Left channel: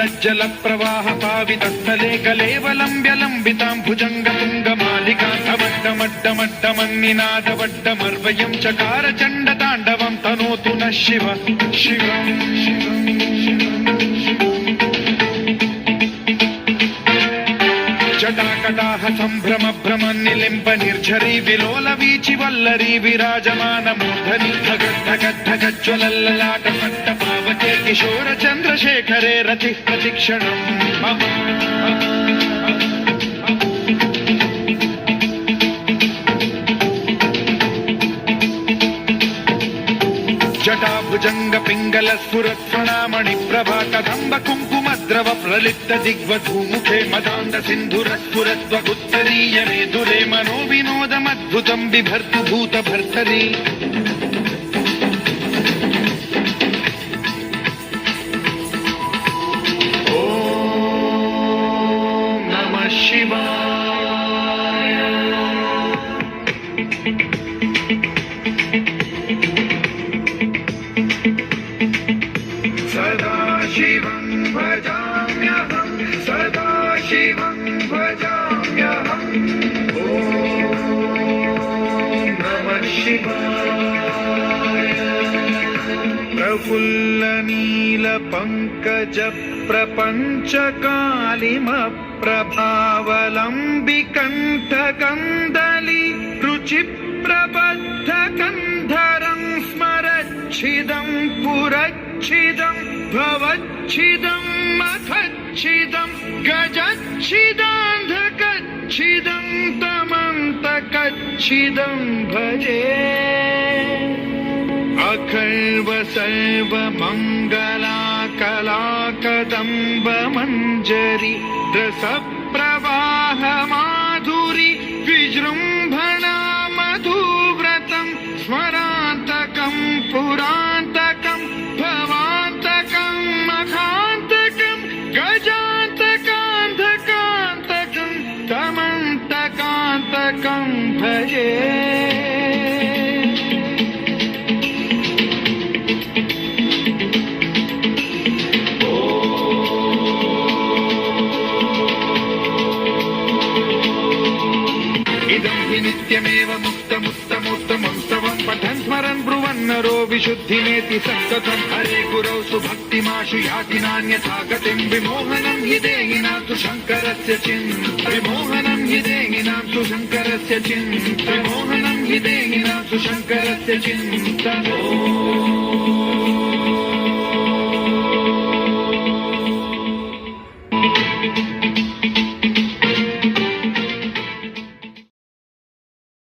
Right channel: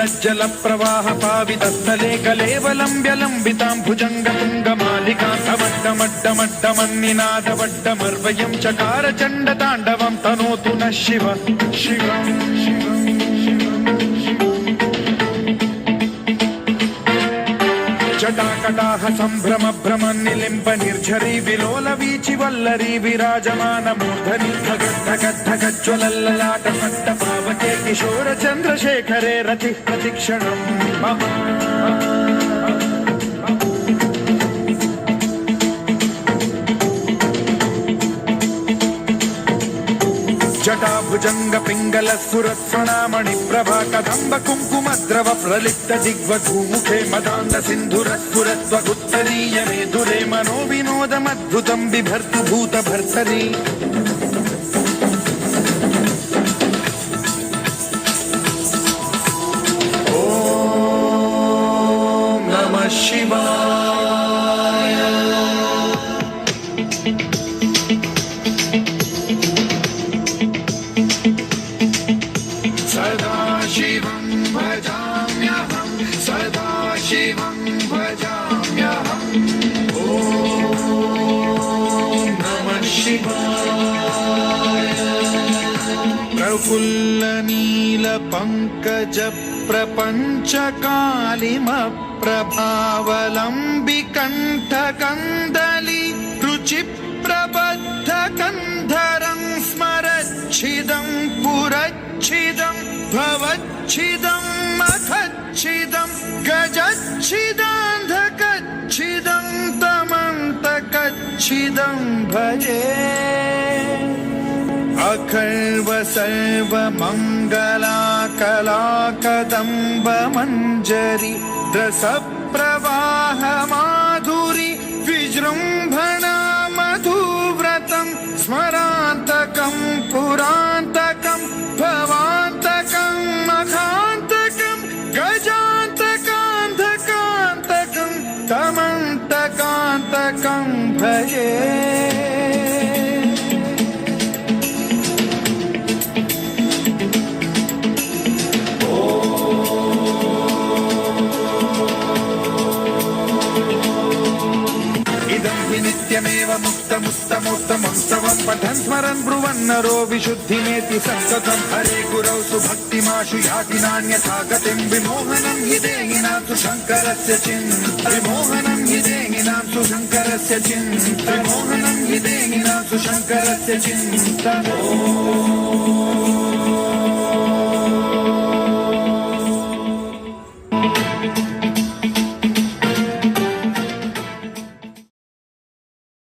जल प्रवाह पावितस्थले कलेवलम्ब्य लम्बितां भुजङ्गतुङ्गमालिकां तवड्डमड्डमन्निनादवड्डमर्वयं चकार चण्डताण्डवं तनोतु नः शिव शिवम् जटाकटाह सम्भ्रम भ्रम निलिम्ब निर्झरी विलोल वीचि वल्लरी विराजमान मूर्धनि धगद्धगद्धगज्ज्वलल्ललाट पट्ट पावके किशोर चन्द्रशेखरे रतिः प्रतिक्षणम् मम जटाभुजंग पिंगल स्फुरत्स्वनामणि प्रभा कदम्ब कुङ्कुमद्रव प्रलिप्त दिग्वधूमुखे मदान्ध सिन्धुरस्फुरत्वगुत्तरीय मेधुरे मनो विनोदमद्भुतं बिभर्तु भूत भर्तरि ॐ नमः शिवाय। शिवं भजाम्यहं सदा शिवं भजाम्यहं ॐ नमः शिवाय। प्रफुल्लनीलपङ्कज प्रपञ्चकालिमप्रभावलम्बिकण्ठकन्दली रुचिप्रबद्धकन्धरं स्मरच्छिदं पुरच्छिदं भवच्छिदं मखच्छिदं गजच्छिदान्धकच्छिदं तमन्तकच्छिदं भजे अखर्व सर्वमङ्गलाकलाकदम्ब मञ्जरी रसप्रवाह माधुरी विजृम्भणा मधुव्रतं स्मरान्तकं पुरान्तकं भवान्तकं मखान्तकं गजान्तकान्धकान्तकं तमन्तकान्तकं भजे नित्यमेव मुक्तमुत्तमोत्तमं स्तवं पठन् स्मरन् ब्रुवन्नरो विशुद्धिमेति संकथं हरे गुरौ सुभक्तिमाशु याति नान्यथा गतिं विमोहनं हि देहिनां सुशङ्करस्य विमोहनं हि देहिनां सुशङ्करस्य विमोहनं हि देहिनां सुशङ्करस्य चिन्तनम्